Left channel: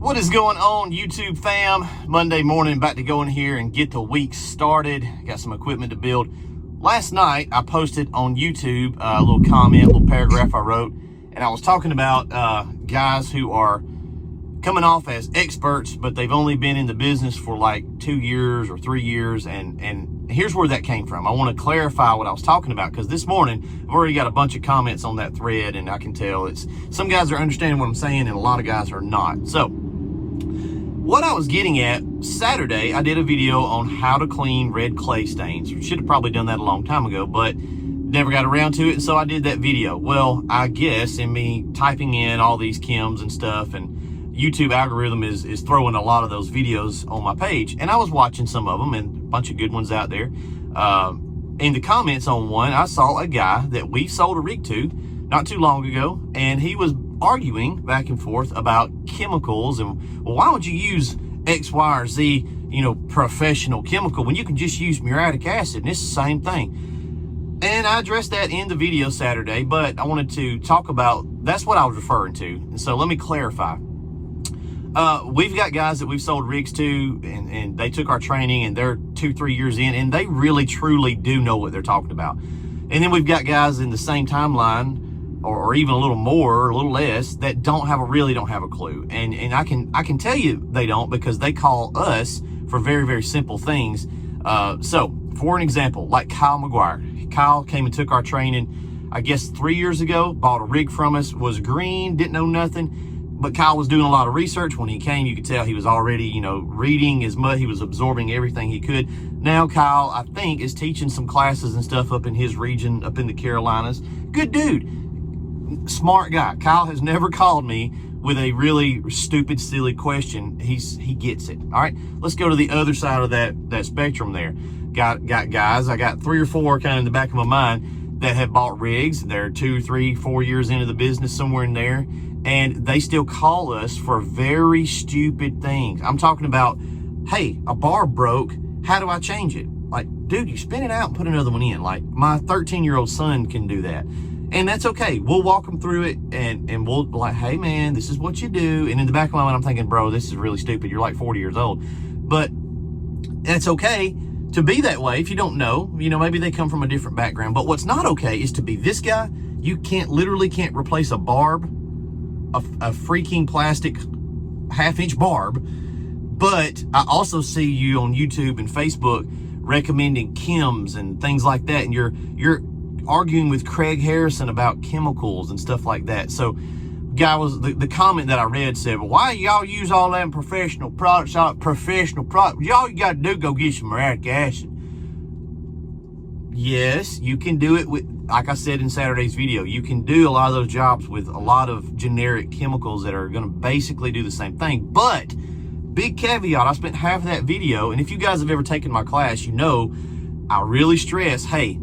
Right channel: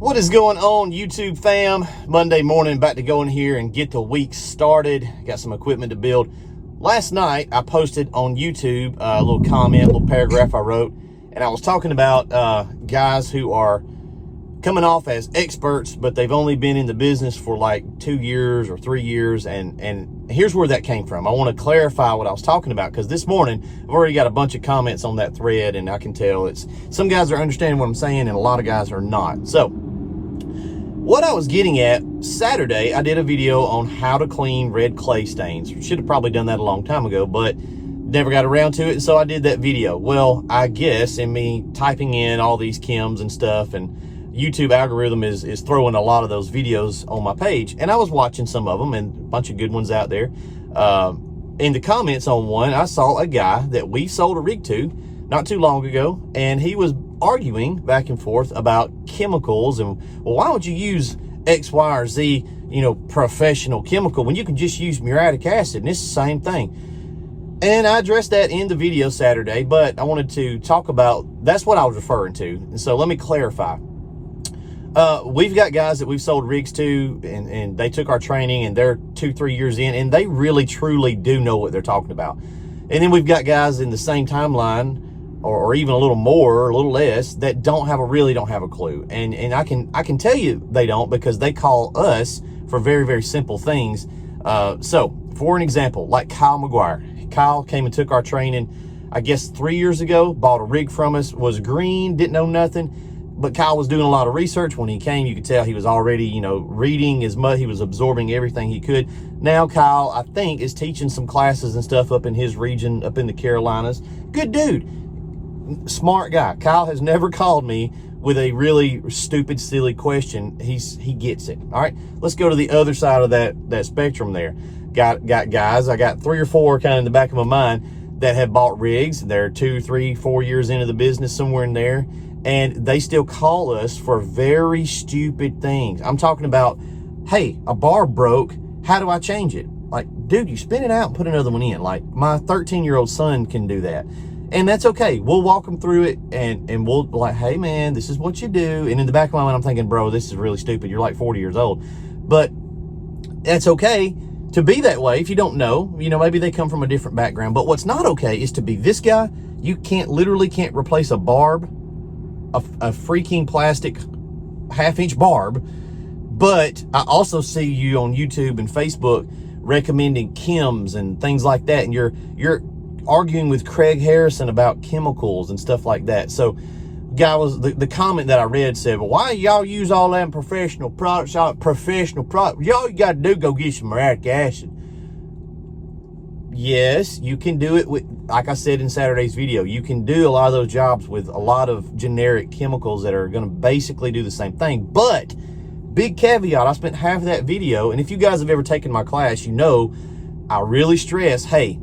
What is going on, YouTube fam? Monday morning, about to go in here and get the week started. Got some equipment to build. Last night, I posted on YouTube a little comment, a little paragraph I wrote, and I was talking about guys who are coming off as experts, but they've only been in the business for like 2 years or 3 years, and here's where that came from. I want to clarify what I was talking about, because this morning I've already got a bunch of comments on that thread, and I can tell it's some guys are understanding what I'm saying and a lot of guys are not. So what I was getting at, Saturday I did a video on how to clean red clay stains. Should have probably done that a long time ago, but never got around to it, and so I did that video. Well, I guess in me typing in all these chems and stuff, and YouTube algorithm is throwing a lot of those videos on my page, and I was watching some of them, and a bunch of good ones out there. In the comments on one, I saw a guy that we sold a rig to not too long ago, and he was arguing back and forth about chemicals, and well, why would you use X, Y, or Z, professional chemical when you can just use muriatic acid, and it's the same thing. And I addressed that in the video Saturday, but I wanted to talk about, that's what I was referring to, and so let me clarify. We've got guys that we've sold rigs to, and they took our training, and they're 2-3 years in, and they really truly do know what they're talking about. And then we've got guys in the same timeline, or even a little more or a little less, that really don't have a clue. And I can tell you they don't, because they call us for very, very simple things. So for an example, like Kyle McGuire. Kyle came and took our training, I guess 3 years ago, bought a rig from us, was green, didn't know nothing. But Kyle was doing a lot of research. When he came, you could tell he was already, reading as much. He was absorbing everything he could. Now Kyle, I think, is teaching some classes and stuff up in his region, up in the Carolinas. Good dude. Smart guy. Kyle has never called me with a really stupid, silly question. He gets it. All right, let's go to the other side of that spectrum there. Got guys, I got 3 or 4 kind of in the back of my mind that have bought rigs. They're 2, 3, 4 years into the business, somewhere in there. And they still call us for very stupid things. I'm talking about, hey, a bar broke. How do I change it? Like, dude, you spin it out and put another one in. Like, my 13-year-old son can do that. And that's okay. We'll walk them through it, and we'll be like, hey, man, this is what you do. And in the back of my mind, I'm thinking, bro, this is really stupid. You're like 40 years old. But that's okay to be that way if you don't know. Maybe they come from a different background. But what's not okay is to be this guy. You literally can't replace a barb, a freaking plastic 1/2-inch barb. But I also see you on YouTube and Facebook recommending chems and things like that, and you're arguing with Craig Harrison about chemicals and stuff like that. So guy was the comment that I read said, well, why y'all use all them professional products? Y'all you gotta do, go get some muriatic acid. Yes, you can do it with, like I said in Saturday's video, you can do a lot of those jobs with a lot of generic chemicals that are going to basically do the same thing. But big caveat, I spent half of that video, and if you guys have ever taken my class, I really stress, hey,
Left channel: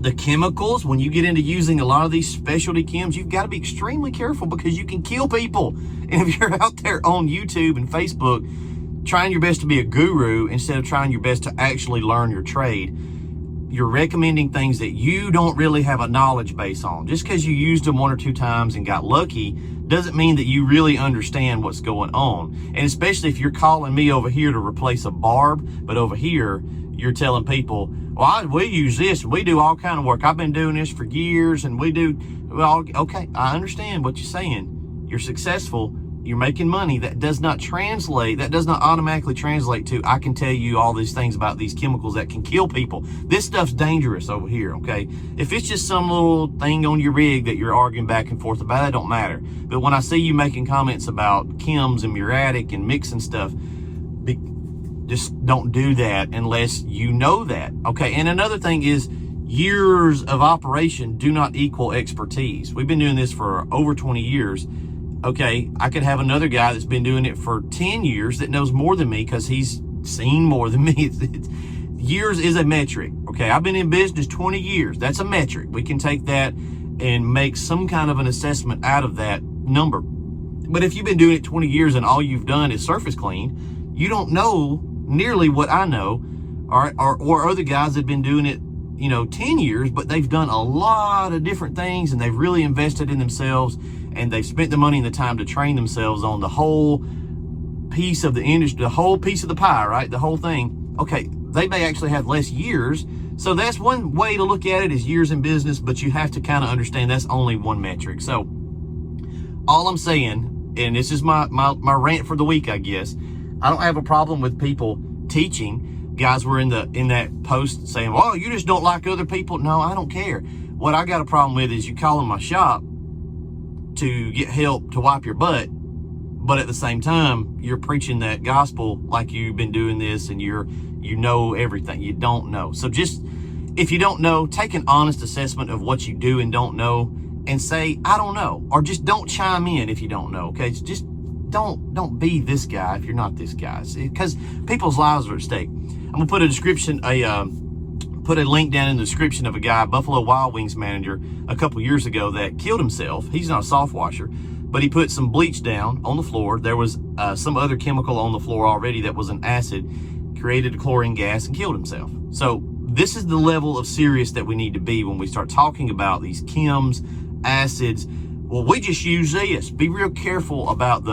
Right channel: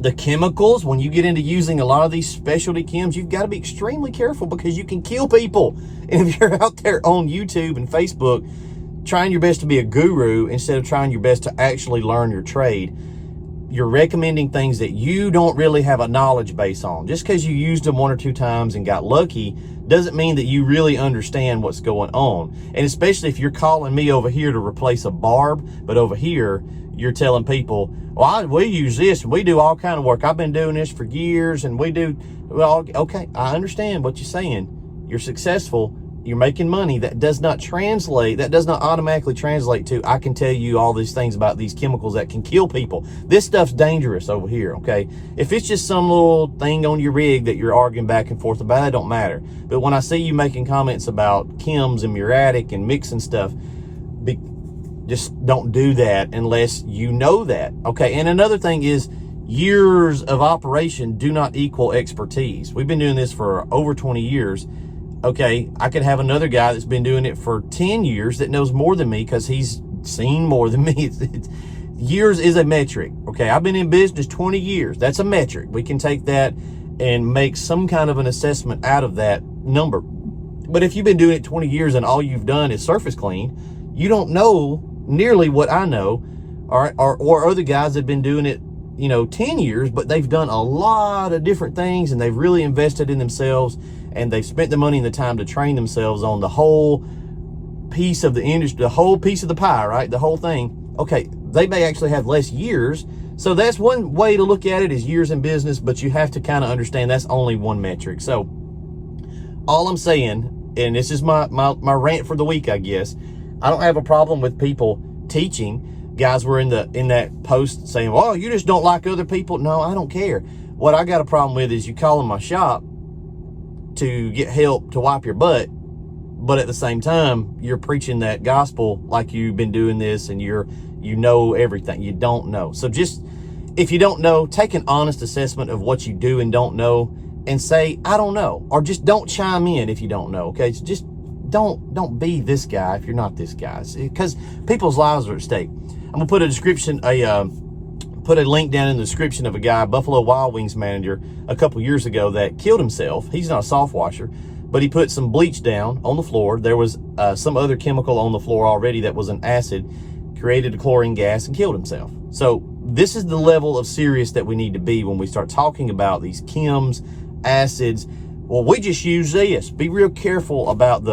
the chemicals, when you get into using a lot of these specialty chems, you've got to be extremely careful, because you can kill people. And if you're out there on YouTube and Facebook trying your best to be a guru instead of trying your best to actually learn your trade, you're recommending things that you don't really have a knowledge base on. Just because you used them 1 or 2 times and got lucky doesn't mean that you really understand what's going on. And especially if you're calling me over here to replace a barb, but over here you're telling people, well, we use this and we do all kind of work. I've been doing this for years, and we do, well, okay, I understand what you're saying. You're successful. You're making money. That does not automatically translate to, I can tell you all these things about these chemicals that can kill people. This stuff's dangerous over here, okay? If it's just some little thing on your rig that you're arguing back and forth about, it don't matter. But when I see you making comments about chems and muriatic and mixing stuff, just don't do that unless you know that, okay? And another thing is, years of operation do not equal expertise. We've been doing this for over 20 years. Okay, I could have another guy that's been doing it for 10 years that knows more than me, because he's seen more than me. Years is a metric, okay? I've been in business 20 years. That's a metric. We can take that and make some kind of an assessment out of that number. But if you've been doing it 20 years and all you've done is surface clean, you don't know nearly what I know, or other guys that have been doing it 10 years, but they've done a lot of different things, and they've really invested in themselves, and they've spent the money and the time to train themselves on the whole piece of the industry, the whole piece of the pie, right? The whole thing. Okay, they may actually have less years. So that's one way to look at it, is years in business, but you have to kind of understand that's only one metric. So all I'm saying, and this is my rant for the week, I guess, I don't have a problem with people teaching. Guys were in that post saying, well, you just don't like other people. No, I don't care. What I got a problem with is you calling my shop to get help to wipe your butt, but at the same time, you're preaching that gospel like you've been doing this and you know everything. You don't know. So just, if you don't know, take an honest assessment of what you do and don't know and say, I don't know, or just don't chime in if you don't know. Okay. So just don't be this guy if you're not this guy, because people's lives are at stake. I'm gonna put put a link down in the description of a guy, Buffalo Wild Wings manager, a couple years ago that killed himself. He's not a soft washer, but he put some bleach down on the floor. There was some other chemical on the floor already that was an acid, created a chlorine gas, and killed himself. So this is the level of serious that we need to be when we start talking about these chems, acids. Well, we just use this. Be real careful about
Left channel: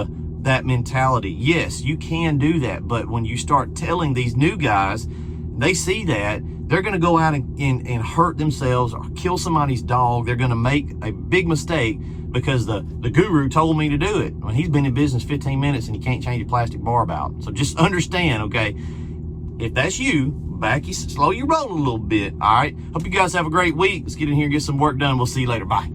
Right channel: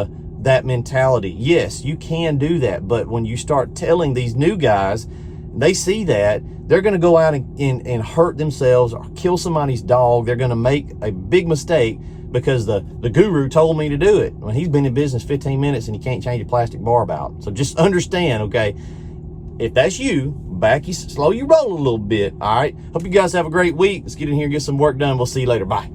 that mentality. Yes, you can do that, but when you start telling these new guys, they see that, they're going to go out and hurt themselves or kill somebody's dog. They're going to make a big mistake because the guru told me to do it. When he's been in business 15 minutes and he can't change a plastic barb out. So just understand, okay, if that's you, slow your roll a little bit. All right. Hope you guys have a great week. Let's get in here and get some work done. We'll see you later. Bye.